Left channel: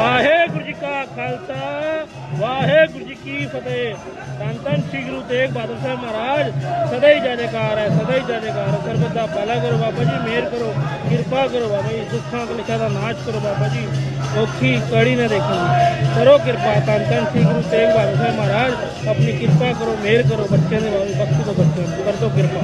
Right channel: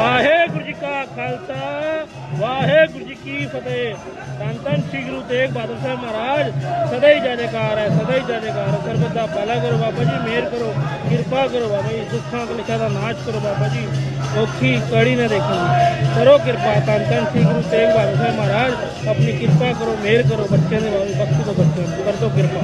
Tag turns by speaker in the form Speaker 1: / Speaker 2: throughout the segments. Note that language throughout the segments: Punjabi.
Speaker 1: ਵਾਹਿਗੁਰੂ ਜੀ ਕਾ ਖਾਲਸਾ, ਵਾਹਿਗੁਰੂ ਜੀ ਕੀ ਫਤਿਹ। ਧੰਨ ਧੰਨ ਸ੍ਰੀ ਗੁਰੂ ਤੇਗ ਬਹਾਦਰ ਸਾਹਿਬ ਮਹਾਰਾਜ, ਸਦਾ ਹੀ ਜੈਕਾਰ ਹੈ, ਸਦਾ ਹੀ ਜੈ ਜੈਕਾਰ ਸਰਬਤ ਦਾ ਭਲਾ ਕਰੋ ਬਾਬਾ ਜੀ, ਮਿਹਰ ਕਰੋ, ਕਿਰਪਾ ਕਰੋ ਬਾਬਾ ਜੀ ਦੁੱਖਾਂ ਕਲੇਸ਼ਾਂ ਦਾ ਨਾਸ਼ ਕਰੋ ਬਾਬਾ ਜੀ। ਔਖੀ ਕੜੀ ਨਾ ਦੇਖੋ। ਕਰੋ ਕਿਰਪਾ, ਧੰਨ ਧੰਨ ਸ੍ਰੀ ਗੁਰੂ ਤੇਗ ਬਹਾਦਰ ਸਾਹਿਬ ਮਹਾਰਾਜ, ਆਪਣੀ ਕਿਰਪਾ ਕਰੋ, ਮਿਹਰ ਕਰੋ ਬੱਚਿਆਂ ਦੇ ਬਾਬਾ ਬਖਸ਼ ਦੋ ਬੱਚਿਆਂ ਨੂੰ ਕਰ ਦੋ ਕਿਰਪਾ।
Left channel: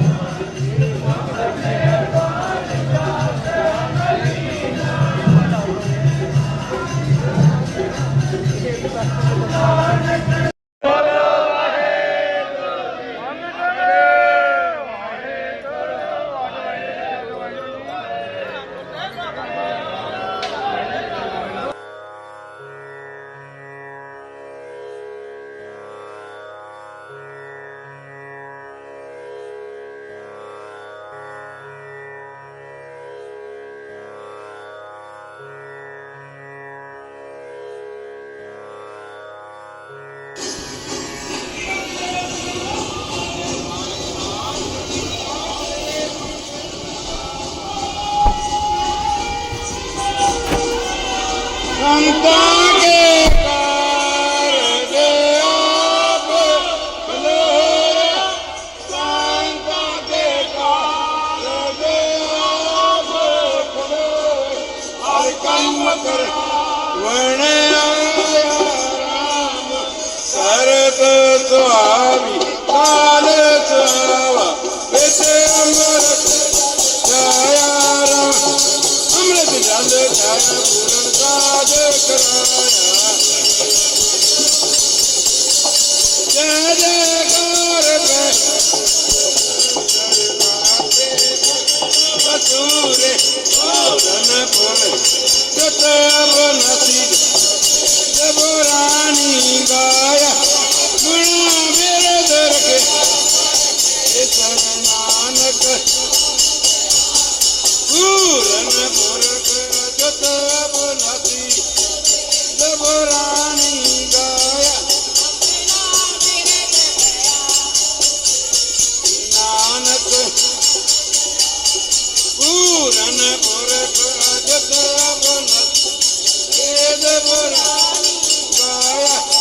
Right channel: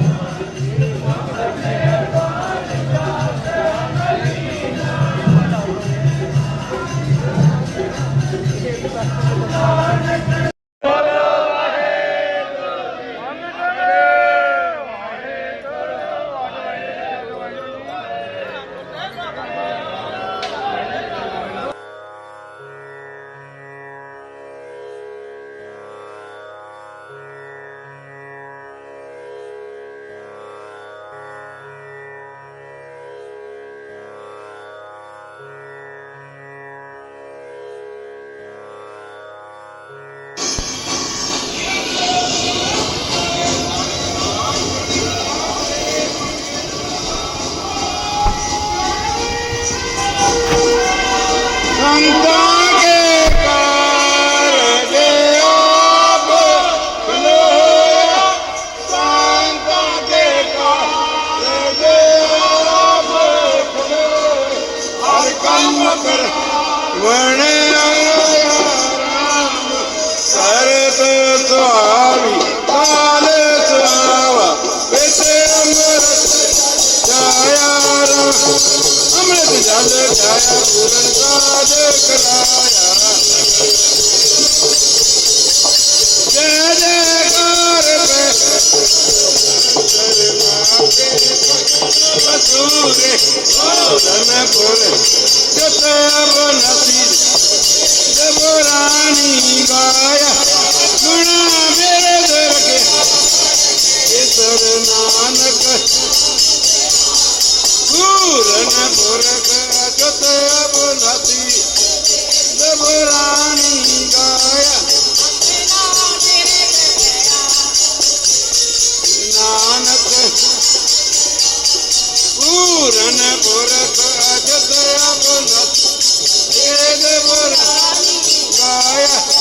Speaker 2: ਅੰਮ੍ਰਿਤ ਜਲ ਛਾਇਆ ਪੂਰਨ ਕਾਜ ਕਰਾਇਆ ਜੈ ਜੈਕਾਰ ਪੈ ਬਸੂਰੇ ਪੂਰਨ ਪੁਰ ਜਤ ਅਬਨਸੀ ਜਬ ਰਾਣੀ ਗਾਇਆ ਗੁਣ પૂરણ પૂરક અચત બોલાતી દબરાણી ગાય નાનક પૂરણ પૂરક અચત બોલાતી દબરાણી ગાય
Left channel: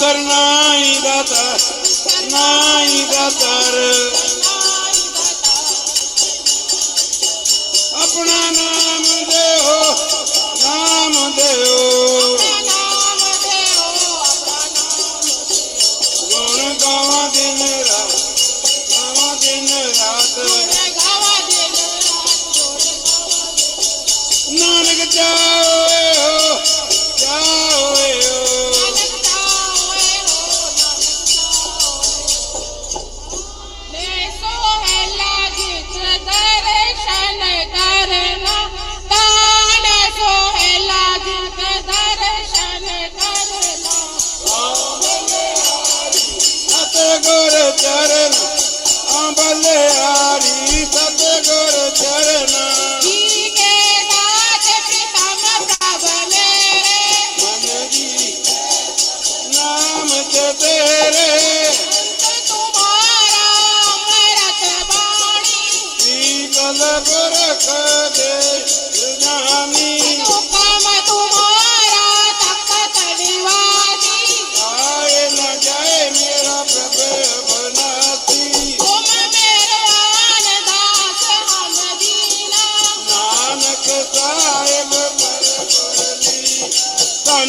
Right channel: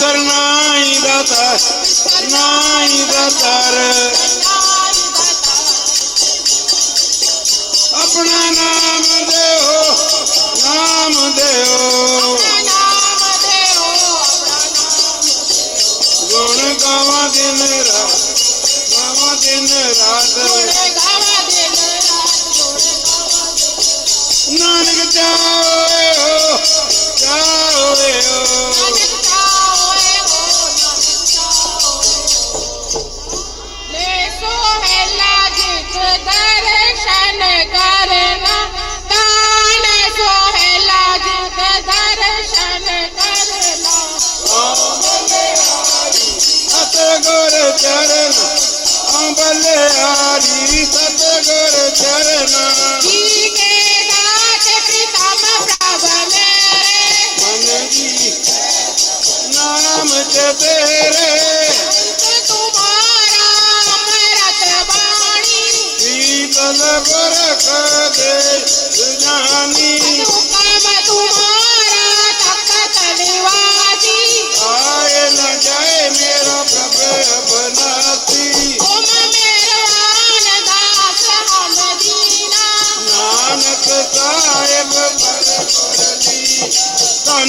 Speaker 2: ਵਿਸਰ ਨਾਹੀ ਦਾਤਾ ਨਾਹੀ ਦਾਤਾਰ ਆਪਣਾ ਨਾਮ ਦੇਓ ਨਾਮ ਦੇਓ। ਗੁਣ ਗਾਵਾਂ ਦਿਨ ਰਾਤ, ਗਾਵਾਂ ਦਿਨ ਰਾਤ।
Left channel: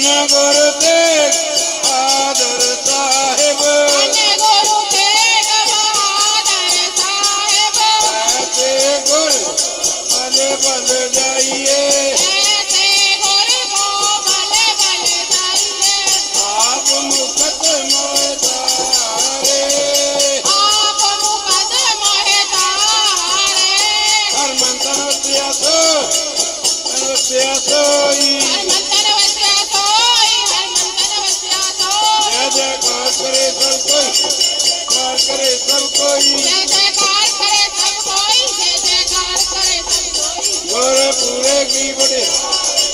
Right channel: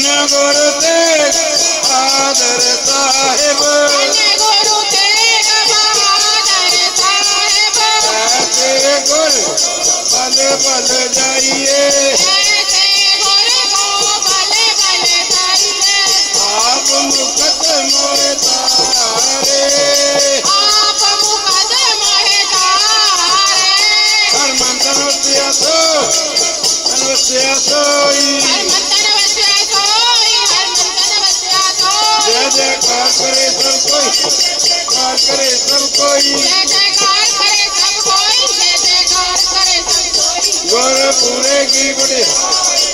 Speaker 2: ਧੰਨ ਗੁਰ ਤੇ ਆਦਰ ਸਾਹਿਬ।
Speaker 3: ਅਨੇ ਗੁਰੂ ਤੇਗ ਬਹਾਦਰ ਸਾਹਿਬ।
Speaker 2: ਐਸੇ ਗੁਰ ਬਲ ਬਲ ਜਾਈਏ।
Speaker 3: ਐਸੇ ਗੁਰ ਕੋ ਬਲੇ ਬਲੇ ਕਰੀਏ
Speaker 2: ਆਪ ਮੁਕਤ ਮੋਇ ਤਾਰੇ।
Speaker 3: ਆਪ ਮੁਕਦ ਮੋਹਿ ਤਾਰੇ।
Speaker 2: ਹਰ ਮੰਤਰ ਵਸਿਆ कोई
Speaker 3: जय करे सब कोई जय जयकार
Speaker 2: करे सब कोई जय जयकार करे सब कोई गुरपुरे
Speaker 3: की बड़े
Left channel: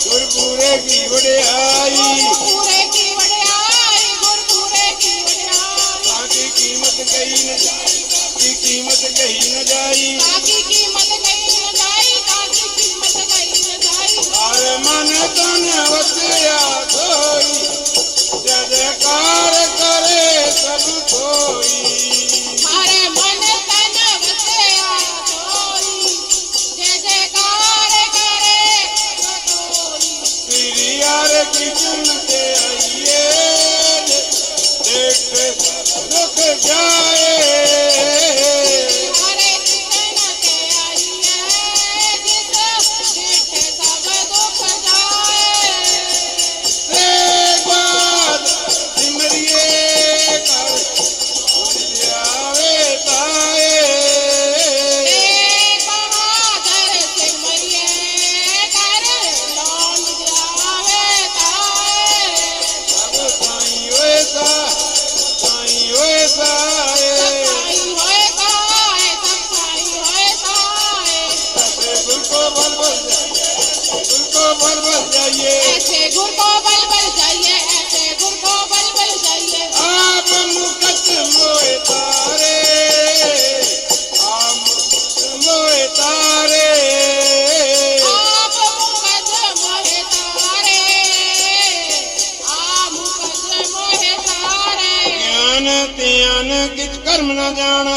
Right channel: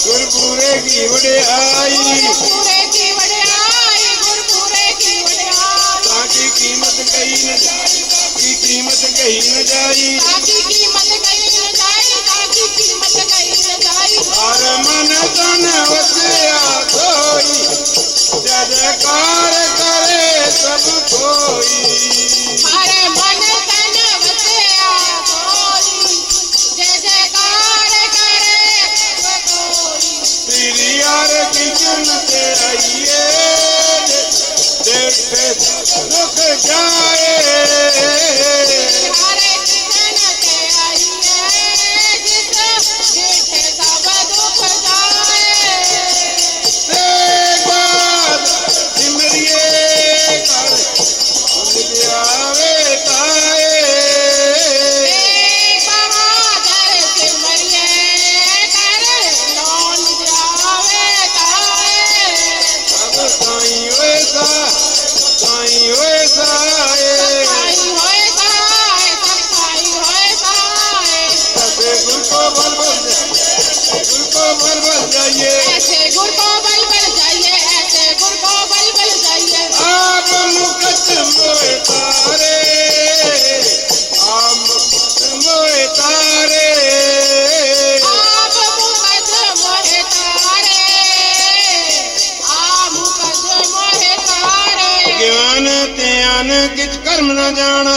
Speaker 3: गुरपुरे की बड़े आई गुरपुरे की बड़े आई
Speaker 2: गुरपुरे की बड़े आई ताकि कीमत कहीं न
Speaker 3: जाए की
Speaker 2: कीमत कहीं न जाए
Speaker 3: ताकि कीमत कहीं न जाए ताकि कीमत कहीं न जाए और मन तन वसया कोई जय जयकार
Speaker 2: Look at God. ਕਰਮ ਨਾ ਜਾਣਾ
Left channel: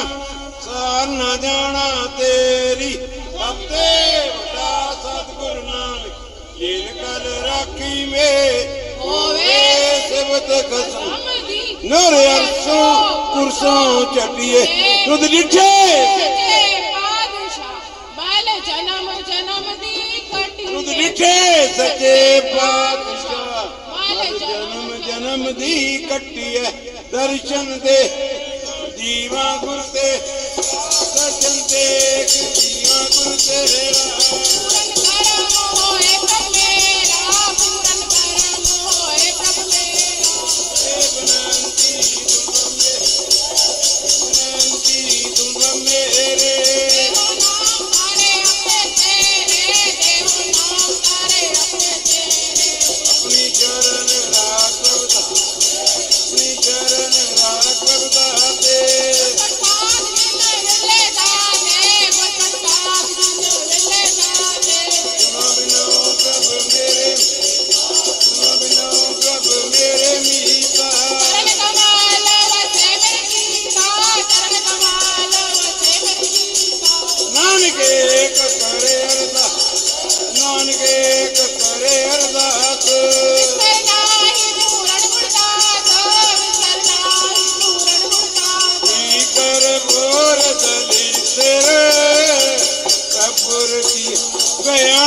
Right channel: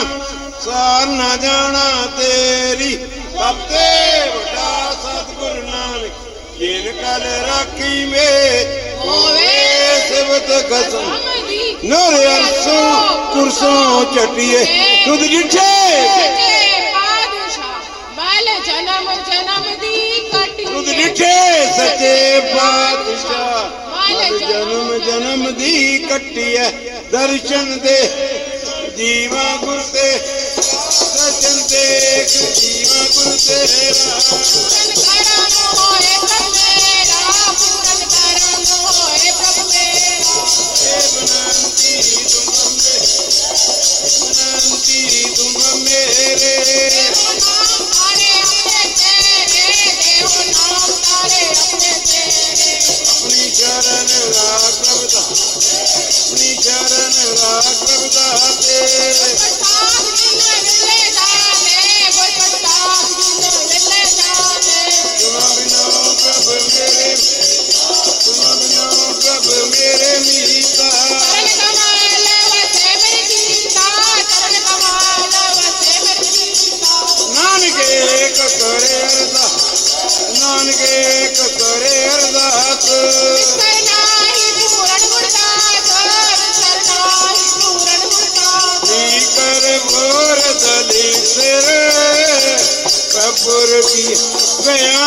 Speaker 2: ਸਾਰ ਨਾ ਜਾਣਾ ਤੇਰੀ। ਸਭ ਤੇ ਵੱਡਾ ਸਤਿਗੁਰ ਨਾਨਕ ਜਿਨ ਕਲ ਰਾਖੀ ਮੇ ਹੋਵੇ ਸਿਵਤ
Speaker 3: ਕਸਮ
Speaker 2: ਨੂਰ ਅਰਸੂ
Speaker 3: પુરુષો ચટીએ
Speaker 2: રુદ
Speaker 3: જીઠે
Speaker 2: ਜਿਠੇ ਸੱਚੇ ਪਾਤਸ਼ਾਹ। ਜਨਮ ਜਨਮ ਦੀ ਕੱਟਿਐ ਦਰਸ਼ਨ ਦੇ ਜੀਵਾ ਗੁਰ ਤੇ। ਦਰਸ਼ਨ ਦੇ ਜੀਵਾ ਗੁਰ ਤੇ।
Speaker 3: ਹੋਏ ਕੱਟੇ Say,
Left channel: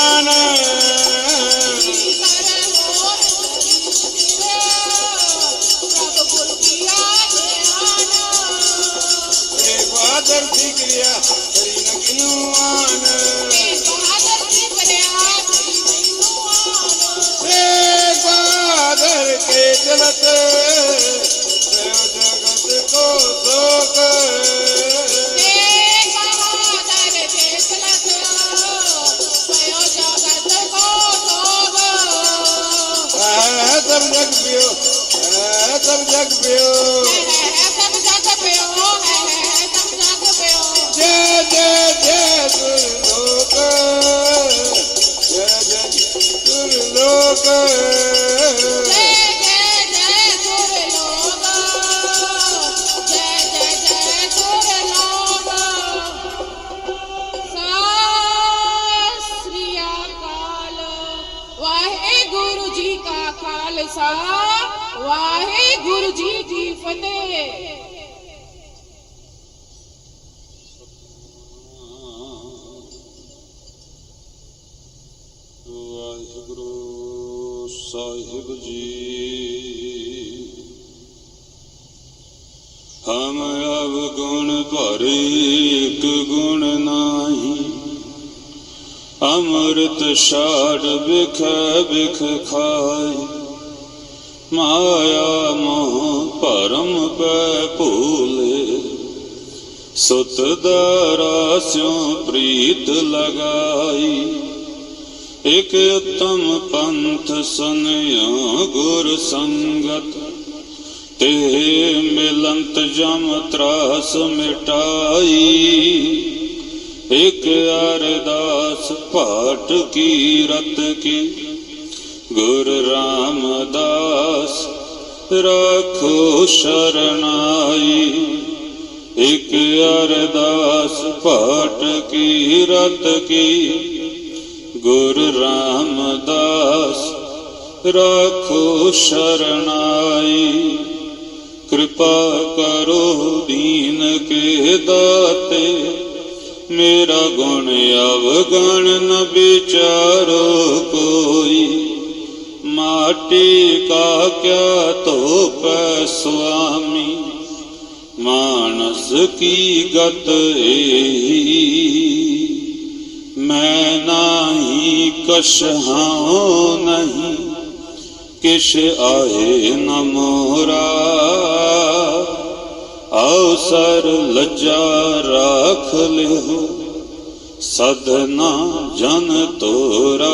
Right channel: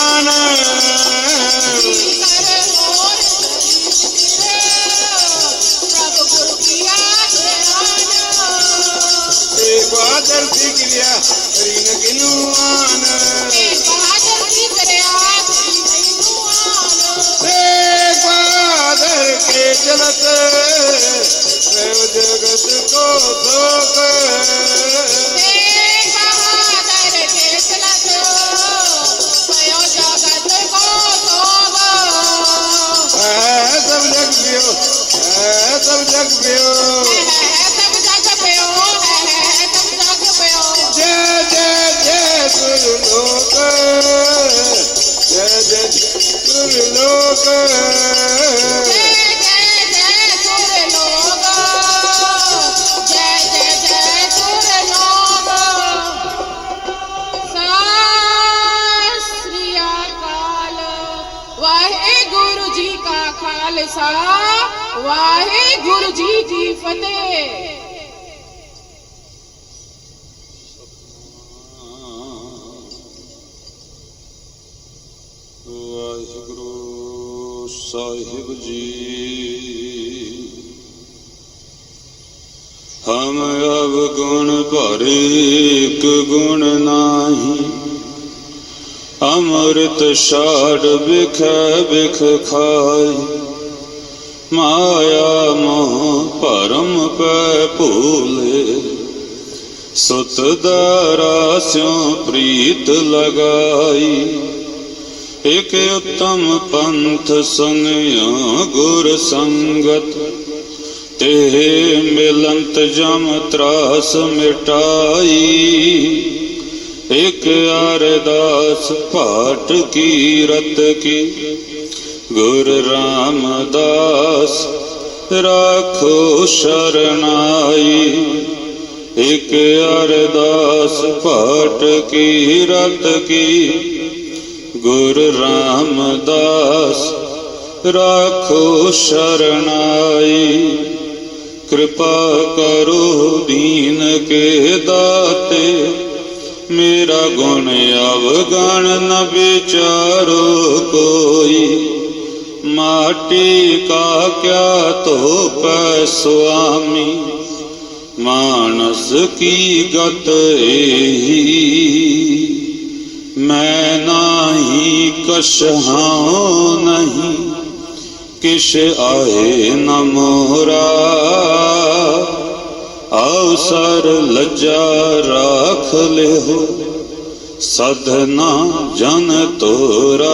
Speaker 3: ਖਾਲਸਾ, ਵਾਹਿਗੁਰੂ
Speaker 2: ਜੀ
Speaker 3: ਕੀ ਫਤਿਹ।
Speaker 2: ਵਾਹਿਗੁਰੂ ਸਾਹਿਬ ਜੀ। ਹਮ ਅਬ ਗੁਣ ਭਰ ਇੱਕ ਗੁਣ ਨਾਹੀ। ਅਮਰਤ ਛਾੜ ਬਿਖ ਬਿਖ ਖਾਈ ਮਾਇਆ ਮੋਹ ਭਰਮ ਪੈ ਭੂਲੇ। ਸੁਤ ਦਰਾ ਸਿਉ ਪ੍ਰੀਤ ਲਗਾਈ। ਇਕ ਉਤਮ ਪੰਥ ਸੰਗਿਆ ਗੁਰ ਸੰਗਤ।
Speaker 4: ਤੇ ਮਿਲੰਤ ਜਮ ਤਰਾਸ ਮਿਟਾਈ। ਇਕ ਅਰਦਾਸ ਘਾਟ ਕੀ ਰਤ ਕੀ ਗੁਰ ਰਾਮਦਾਸ, ਰਾਖੋ ਸ਼ਰਨਾਈ। ਇਕ ਅਰਦਾਸ ਭਾਟ ਕੀ ਰਤ ਕੀ, ਗੁਰ ਰਾਮਦਾਸ, ਰਾਖੋ ਸ਼ਰਨਾਈ। ਕਿਰਪਾ ਕਰੋ ਦੀਨ ਕੇ ਦਾਤੇ, ਮੇਰਾ ਗੁਣ ਅਵਗਣ ਨ ਵਿਚਾਰੋ ਕੋਈ। ਮਾਟੀ ਕਾ ਕਿਆ ਧੋਪੈ ਸੁਆਮੀ ਮਾਨਸ ਕੀ ਗਤ ਏਹੀ ਮੈਂ ਨਾਹੀ ਕਛਹਾਂ ਨਹੀਂ ਕਿਛ ਆਏ ਨ ਮੋਰਾ ਅਵਸਰ ਲੱਜਾ ਰਾਖ ਲਿਓ ਸਦਨਾ ਜਨ ਤੋਰਾ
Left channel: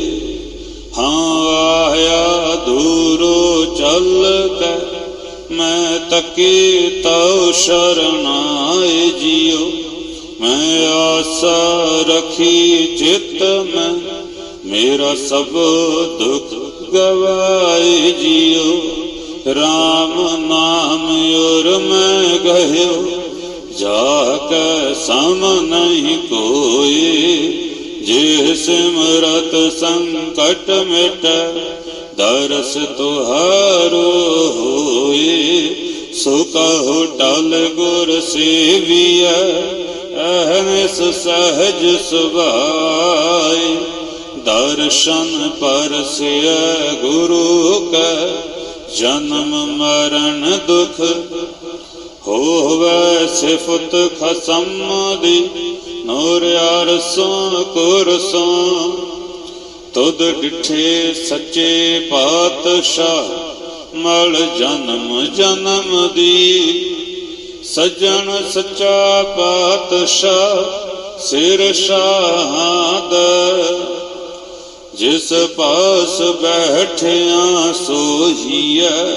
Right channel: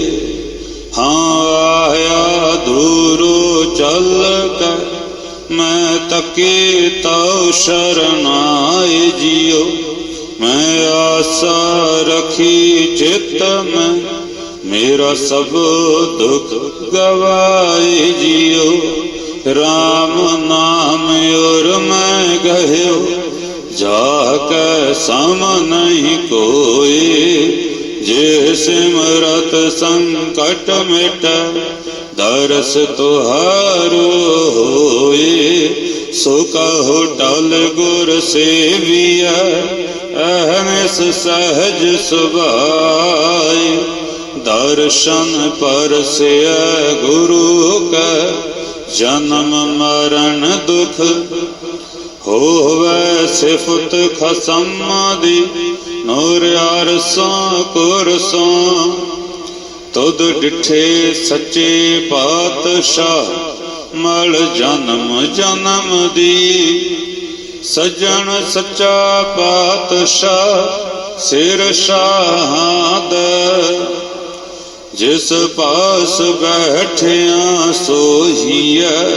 Speaker 4: ਮੈਂ ਤਕੇ ਤਉ ਸ਼ਰਨਾਏ ਜਿਉ ਮੈਂ ਆਸ ਰਖੀ ਚਿਤ ਮੈਂ ਮੇਰਾ ਸਭ ਦੁਖ ਗਵਾਏ ਜਿਉ RAM ਨਾਮ ਔਰ ਮੈਂ ਗਹਿਓ ਜਾ ਕੇ ਸਮ ਨਹੀਂ ਕੋਏ ਜੇ ਸਿਮਰਤ ਸੰਕਟ ਮਿਟ ਦਰਸ ਤੁਹਾਰੋ ਹੋਏ ਸੋ ਕਹੋ ਟਲ ਗੁਰ ਸੇਵੀਐ ਅਹਨਿਸ ਸਹਜ ਸੁਭਾਈ ਦਰਸ਼ਨ ਪਰਸਿਐ ਗੁਰੂ ਕੈ, ਜਨਮ ਮਰਨ ਦੁਖ ਹੋਵੇ ਸਿਫਤ ਖਸਮ ਦੀ, ਨੂਰ ਅਰਸਾਂ ਕੁਰਸਾਂ। ਤੁਧ ਡਿਠੇ ਸੱਚੇ ਪਾਤਸ਼ਾਹ ਮਲ ਜਨਮ ਜਨਮ ਦੀ। ਸਜਣ ਸੱਚਾ ਪਾਤਸ਼ਾਹ, ਸਿਰ ਸ਼ਾਹਦ ਜਿਸ ਪਾਸ ਬੈਠਿਆ ਸੋਹੀਐ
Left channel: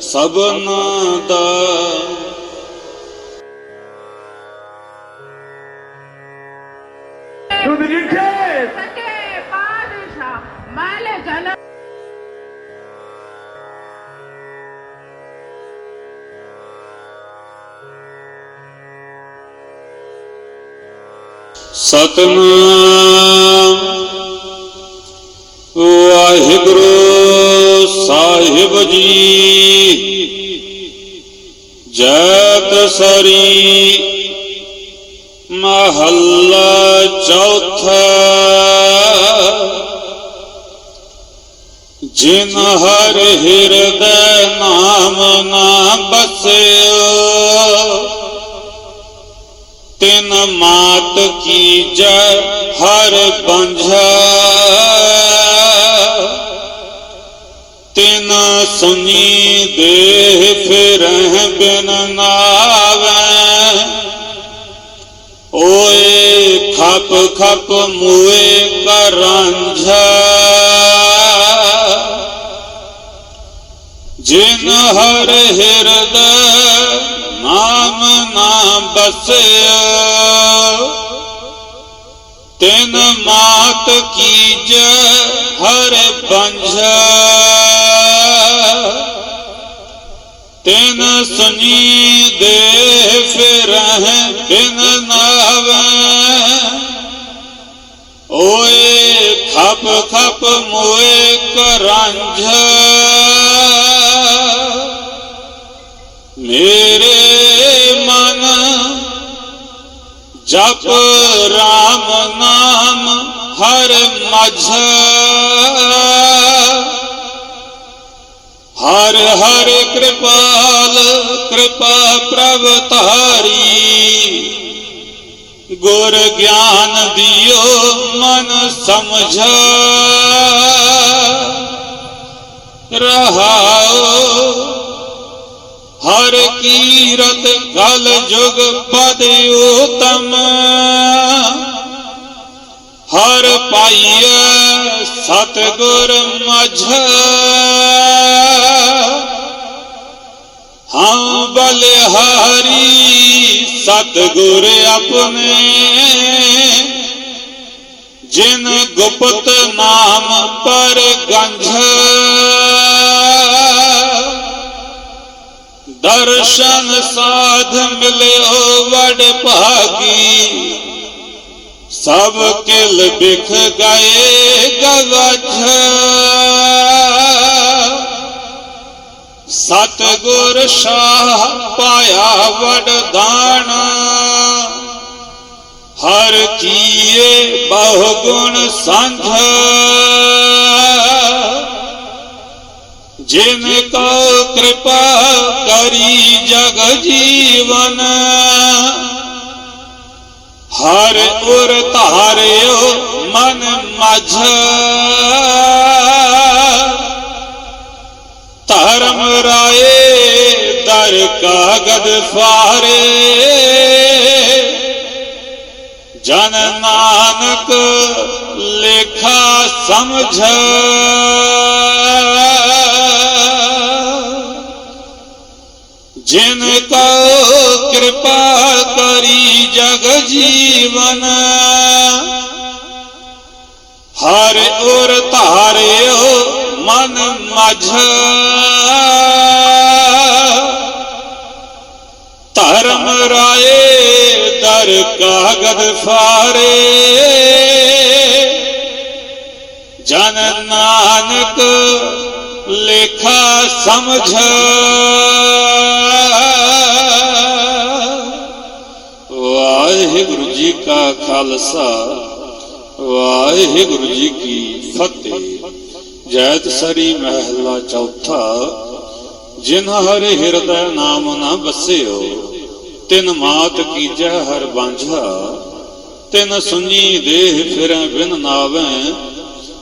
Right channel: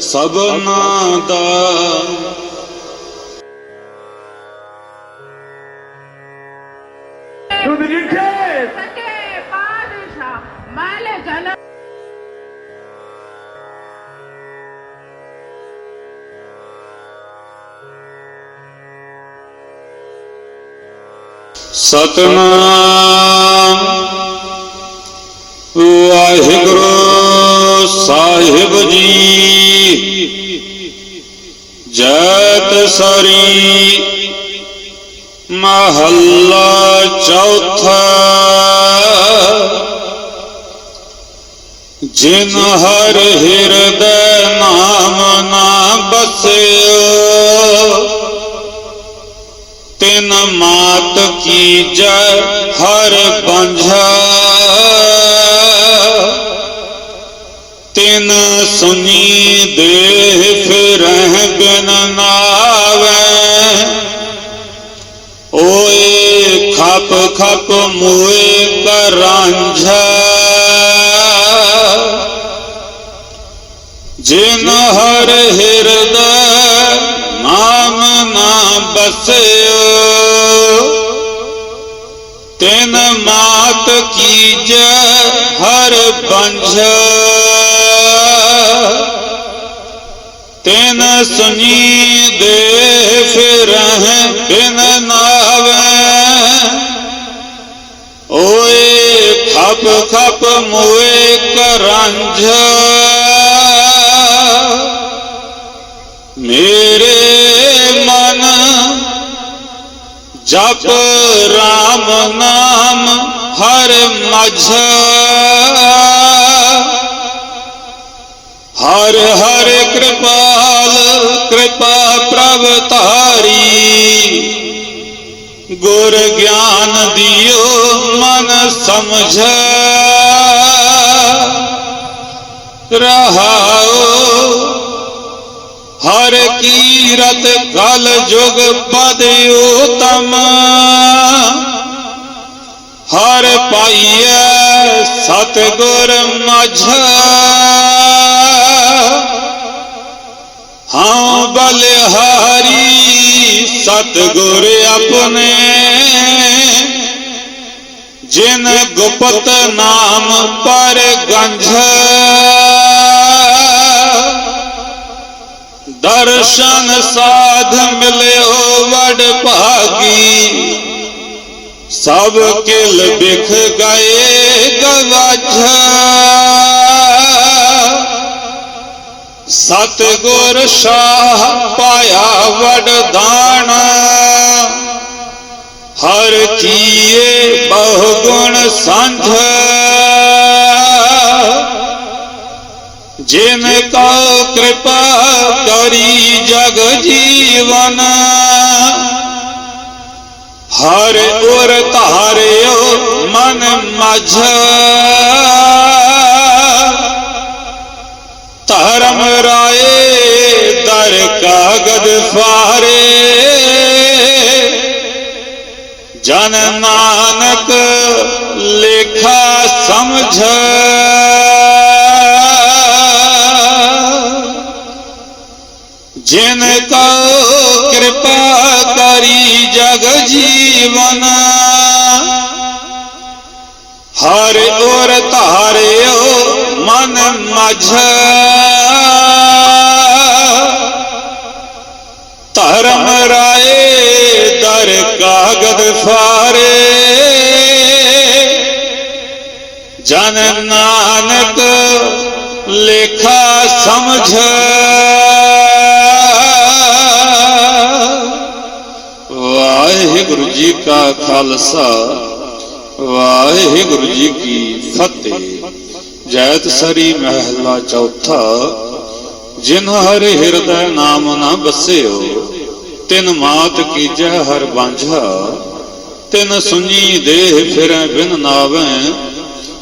Speaker 4: ਸਭਨਾ ਦਾ। ਸਤਨਾਮ। ਵਾਹਿਗੁਰੂ ਸਾਹਿਬ ਜੀ। ਜੈਤ ਸਰੀ ਮਹੱਲਾ ਚੌਥਾ। ਜਿਨ ਹਰ ਹਿਰਦੈ ਨਾਮ ਨਾ ਬਸਿਓ ਬੰਝਾ ਤਿਨ ਸੁਨੀ ਦੇ ਫਿਰ ਬਿਨ ਨਾਵੇ। ਓਏ ਖਪ ਖਪ ਮੋਏ ਕਰਾਂਝਾ ਜਿਨ ਹਰ ਹਿਰਦੈ, ਨਾਮ ਨਾ ਬਸਿਓ ਤਿਨ ਮਾਤ ਕੀਜੈ ਹਰ ਬੰਝ। ਤਿਨ ਸੁਨੀ ਦੇ ਫਿਰਹਿ ਬਿਨ ਨਾਵੇ। ਓਏ ਖਪ ਖਪ ਮੋਏ ਕਰੰਝ। ਮਝ। ਹਰ ਹਰ ਕਿਰਪਾਲ, ਕਿਰਪਾ ਪ੍ਰਭ ਧਾਰੀ। ਗੁਰ ਗਿਆਨ ਦਿਓ ਮਨ ਸਮਝ। ਰਹਾਓ ਹਰ ਕੀਰਤ ਕਲ ਜੁਗ ਪਦ ਉਤਮ ਹਰ ਪਾਈਐ ਸਤ ਗੁਰ ਹਾਂ ਬਲਿਹਾਰੀ ਸਤਗੁਰ ਆਪਣੇ, ਜਿਨ ਗੁਪਤ ਨਾਮ ਪਰ ਗੰਝ। ਦਰਸ਼ਨ ਸਾਧ ਮਿਲਿਓ ਵਡ ਭਾਗੀ ਸਭ ਕਿਲ ਬਿਖ ਗਏ ਗਵਝ ਸਤ ਗੁਰ ਸ਼ਾਹ ਪਾਇਆ ਵਡਦਾਨ ਹਰ ਕੀਏ ਬਹੁ ਗੁਣ ਸੰਧ। ਜਿਨ ਕੋ ਕਿਰਪਾ ਕਰੀ ਜਗ ਜੀਵਨ। ਹਰ ਉਰ ਧਾਰਿਓ ਮਨ ਮਝ ਧਰਮ ਰਾਏ ਦਰ ਕਾਗਦ ਫਾਰੇ ਜਨ ਨਾਨਕ ਲੇਖਾ ਸਮਝ ਜਗ ਜੀਵਨ। ਹਰ ਉਰ ਧਾਰਿਓ ਮਨ ਮਝ। ਧਰਮ ਰਾਏ ਦਰ ਕਾਗਦ ਫਾਰੇ। ਜਨ ਨਾਨਕ ਲੇਖਾ ਸਮਝ। ਖਾਲਸਾ, ਵਾਹਿਗੁਰੂ ਜੀ ਕੀ ਫਤਿਹ। ਜੈਤ ਸਰੀ ਮਹਿਲਾ ਚੌਥਾ, ਜਿਨ ਹਰ ਹਿਰਦੈ ਨਾਮ ਨਾ ਬਸਿਓ, ਤਿਨ ਮਾਤ ਕੀਜੈ ਹਰ ਬਾਂਝਾ ਤਿਨ ਸੁਣੀ ਦੇਹ ਫਿਰੈ ਬਿਨ ਨਾਵੈ,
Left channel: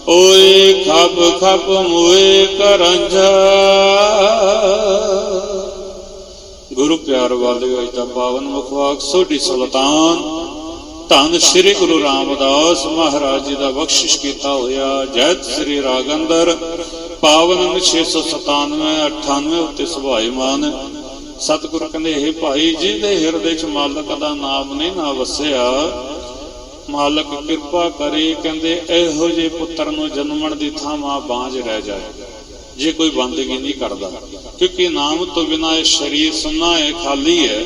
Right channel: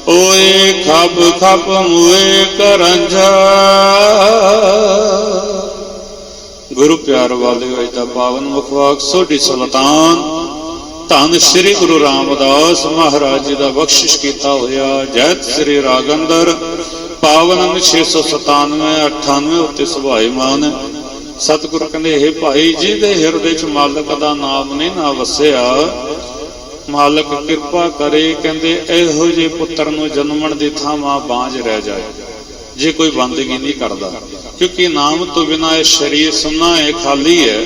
Speaker 4: ਓਏ ਖਬ ਖਪ ਮੂਏ ਕਰੰਝਾ ਗੁਰੂ ਪਿਆਰ ਵਾਲਿਓ ਅੱਜ ਦਾ ਪਾਵਨ ਮੁਖਵਾਕ ਸੋਢੀ ਸੁਲਤਾਨ। ਧੰਨ ਸ੍ਰੀ ਗੁਰੂ ਰਾਮਦਾਸ ਮਹਾਰਾਜ ਜੀ ਦਾ ਬਖਸ਼ਿਸ਼ ਕੀਤਾ ਹੋਇਆ। ਜੈਤ ਸ੍ਰੀ ਰਾਗੰਦਰ। ਪਾਵਨ 697 98 ਉੱਤੇ ਸੁਭਾਈਮਾਨ ਸਤਿਗੁਰ ਕਹਿੰਦੇ ਇਹ ਭਾਈ ਜੀ ਦੇ ਹਿਰਦੇ 'ਚ ਮਾਲਕ ਦਾ ਨਾਮ ਨਹੀਂ ਨਾ ਵਸਿਆ। ਮਾਲਕ ਕਿਰਪਾ ਕਰੇ, ਕਹਿੰਦੇ, ਇਹੋ ਜਿਹੇ ਪੁੱਤਰ ਨੂੰ ਜਨਮਣ ਦੀ ਥਾਂ ਮਾਂ ਬਾਂਝ ਰਹਿ ਜਾਏ। ਜੇ ਕੋਈ ਬੰਦਗੀ ਨਹੀਂ ਕਰਦਾ, ਕਿਉਂਕਿ ਨਾਮ ਤੋਂ ਬਿਨਾ ਇਹ ਸਰੀਰ ਸੁੰਨਾ ਹੈ, ਖਾਲੀ ਹੈ।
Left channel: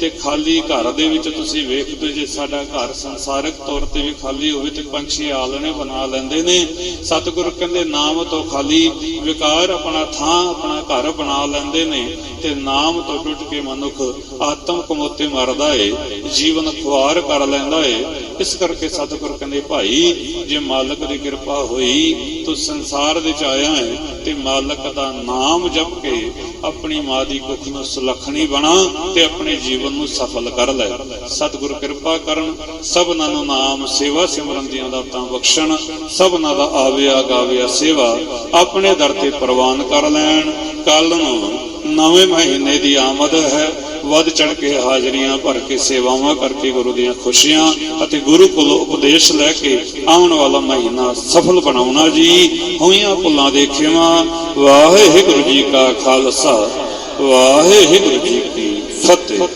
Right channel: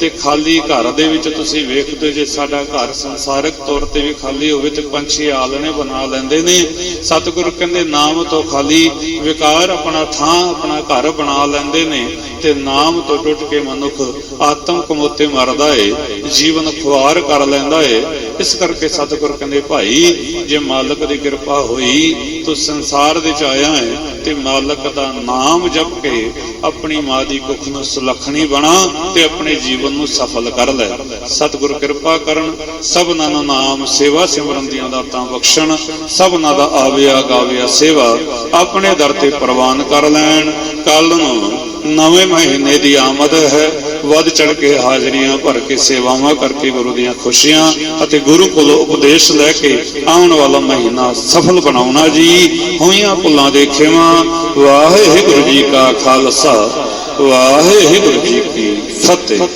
Speaker 4: ਤੇ ਖਾਲੀ ਘਰ ਦੇ ਵਿੱਚ ਤੁਸੀਂ ਵੇਖਦੇ ਜੇ ਸਾਡਾ ਘਰ ਸੰਸਾਰਿਕ ਤੌਰ ਤੇ ਵੀ ਖਾਲੀ ਹੋਵੇ ਤੇ ਪੰਛੀ ਆਲਣੇ ਬਣਾ ਲੈਂਦੇ ਨੇ। ਸਤਿਗੁਰੂ ਕਹਿੰਦੇ, ਨਾਮ ਤੋਂ ਖਾਲੀ ਵਿਕਾਰ ਆਪਣਾ ਥਾਂ, ਆਪਣਾ ਘਰ ਬਣਾ ਲੈਂਦੇ ਨੇ ਤੇ ਨਾਮ ਤੋਂ ਟੁੱਟ ਕੇ ਮਨੁੱਖ ਆਤਮ ਕਮੋਤੇ ਮਰਦਾ ਏ, ਜੀਵਨ ਖੁਆਰ ਕਰ ਲੈਂਦਾ ਏ। ਇਸ ਕਰਕੇ ਸਤਿਗੁਰ ਕਹਿੰਦੇ, ਭਾਈ, ਜੇ ਮਾਲਕ ਦੀ ਕਿਰਪਾ ਹੋਈ, ਤੂੰ ਸੰਸਾਰ ਦੇ ਚ ਆਇਆ ਹੈ, ਤੇ ਮਾਲਕ ਦਾ ਨਾਮ ਜਪ ਕੇ ਆਪਣੀ ਮਾਂ ਦੀ ਕੁੱਖ ਨੂੰ ਸੁਲੱਖਣੀ ਬਣਾ ਤੇ ਆਪਣੇ ਜੀਵਨ ਨੂੰ ਸਫਲ ਕਰ ਲੈ। ਸਤਿਗੁਰ ਕਿਰਪਾ ਕਰਨ, ਸਭਨਾਂ ਨੂੰ ਨਾਮ ਸੇਵਾ ਸਿਮਰਨ ਦੀਆਂ ਦਾਤਾਂ ਬਖਸ਼ਣ, ਸਭਨਾਂ ਦਾ ਆਵਿਆ ਗਾਵਿਆ ਸੇਵਾ ਆਪਣੇ ਦਰ ਤੇ ਪ੍ਰਵਾਨ ਕਰ ਲੈਣ। ਕੱਲ ਨੂੰ ਨਵੇਂ ਮਹੀਨੇ ਦੀ ਆਮਦ ਹੈ ਵੱਧ ਚੜ ਕੇ ਹਾਜ਼ਰੀਆਂ ਭਰ ਕੇ ਸੇਵਾਵਾਂ ਕਰਕੇ ਗੁਰੂ ਦੀਆਂ ਖੁਸ਼ੀਆਂ ਅਤੇ ਗੁਰੂ ਕੋਲੋਂ ਉਪਦੇਸ਼ ਲੈ ਕੇ ਆਉਣ ਵਾਲਾ ਮਹੀਨਾ ਸਫਲ ਬਣਾਉਣਾ ਜੀ। ਹੋਈਆਂ ਭੁੱਲਾਂ ਦੇ ਖਿਮਾ ਵਾਹਿਗੁਰੂ ਜੀ ਕਾ ਖਾਲਸਾ, ਵਾਹਿਗੁਰੂ ਜੀ ਕੀ ਫਤਿਹ।